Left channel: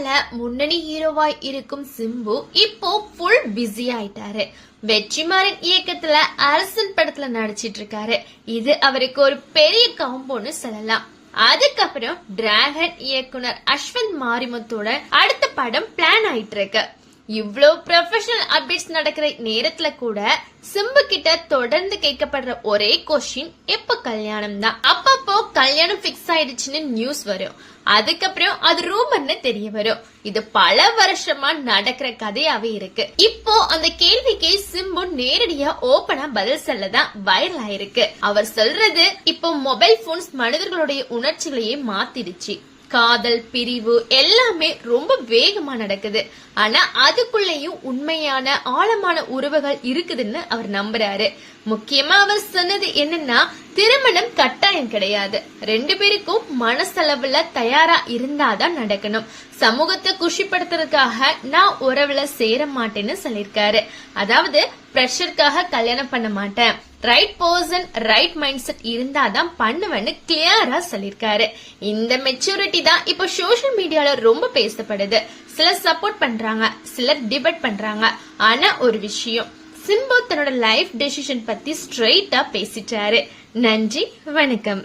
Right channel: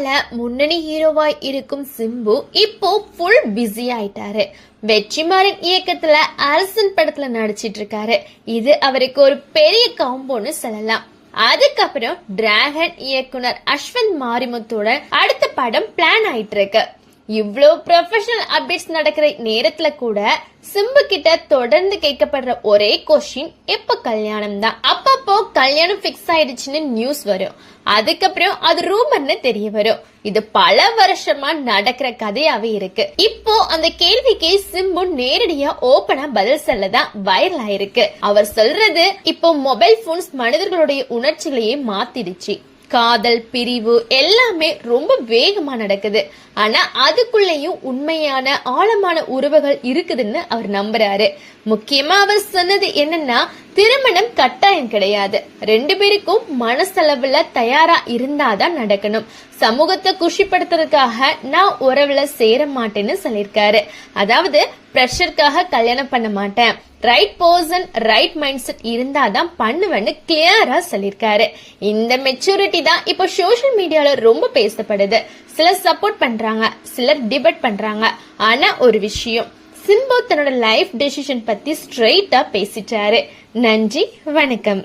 சினிமால முன்னணி ஹீரோவாய் இருக்கும் சிம்பு இப்போ ஃபுல் பிஸி ஆயிட்டாரு. வெற்றிமாறன் இயக்கத்துல அரசன் படத்துல நடிச்சிட்டு இருக்காரு. இது அவருக்கு ஒரு பெரிய காம்போன்னு சொல்லலாம். அதுக்கப்புறம் டிராகன் இயக்குனர் அஸ்வந்த் மாரிமுத்தோட அடுத்த படம் பிளான் ஆயிட்டு இருக்கு. இவ்ளோ ப்ரொஃபஷனல் அப்டேட்ஸ் நடக்கிற நேரத்துல கூட சிம்பு கிட்ட தொடர்ந்து கேட்கப்படுற ஒரே கொஸ்டின் எப்ப கல்யாணம் தான். அப்பப்போ கல்யாணம் பிக்ஸ் ஆயிடுச்சுன்னு நியூஸ் வரும், அதுக்கப்புறம் அது ரூமர்னு தெரிய வரும். இது பல வருஷமா நடக்கிற கதையாவே இருக்கு. இப்போ அந்த கேள்விக்கு சிம்பு நேரடியா ஓபனா பதில் சொல்லதான் வைரல் ஆயிருக்கு. அவர் சொல்றது, இப்போ மொபைல் போன்ஸ் மனிதர்களுடைய உணர்ச்சிகளையே மாத்திடுச்சு. காதல், பிரிவு எல்லாமே ரொம்ப வேகமா நடக்குது. ஆனா அதுக்குள்ளேயும் உண்மையான ஆழமான உறவுகள் இருக்குதுன்னு அவர் நம்புறாரு. முக்கியமா அவர் சொன்னது என்னன்னா, திருமணம் கட்டாயம் கிடையாது, 2 பேருக்கும் மனசளவுல தயாரா இருந்தாதான் நடக்கணும். சமூகத்தை குஷிப்படுத்துறதுக்காக நான் உறவுல சேர மாட்டேன்னு சொல்லிருக்காரு. அதாவது பிரஷருக்காக கல்யாணம் பண்ண மாட்டேன், right person right mind set இருந்தாதான் பண்ணுவேன்னு கிளியரா சொல்லிருக்காரு. இந்த மெச்சூரிட்டி தான் இப்போ சோசியல் மீடியால ரொம்ப பேசப்படுது. சிலர் சப்போர்ட் பண்றாங்க, சிலர் டிபேட் பண்றாங்க. ஆனா ஒரு விஷயம், சிம்பு தன்னோட லைஃப் டெசிஷன் பத்தி ஸ்ட்ரெயிட்டா பேசிட்டாரு. நன்றி, வணக்கம்.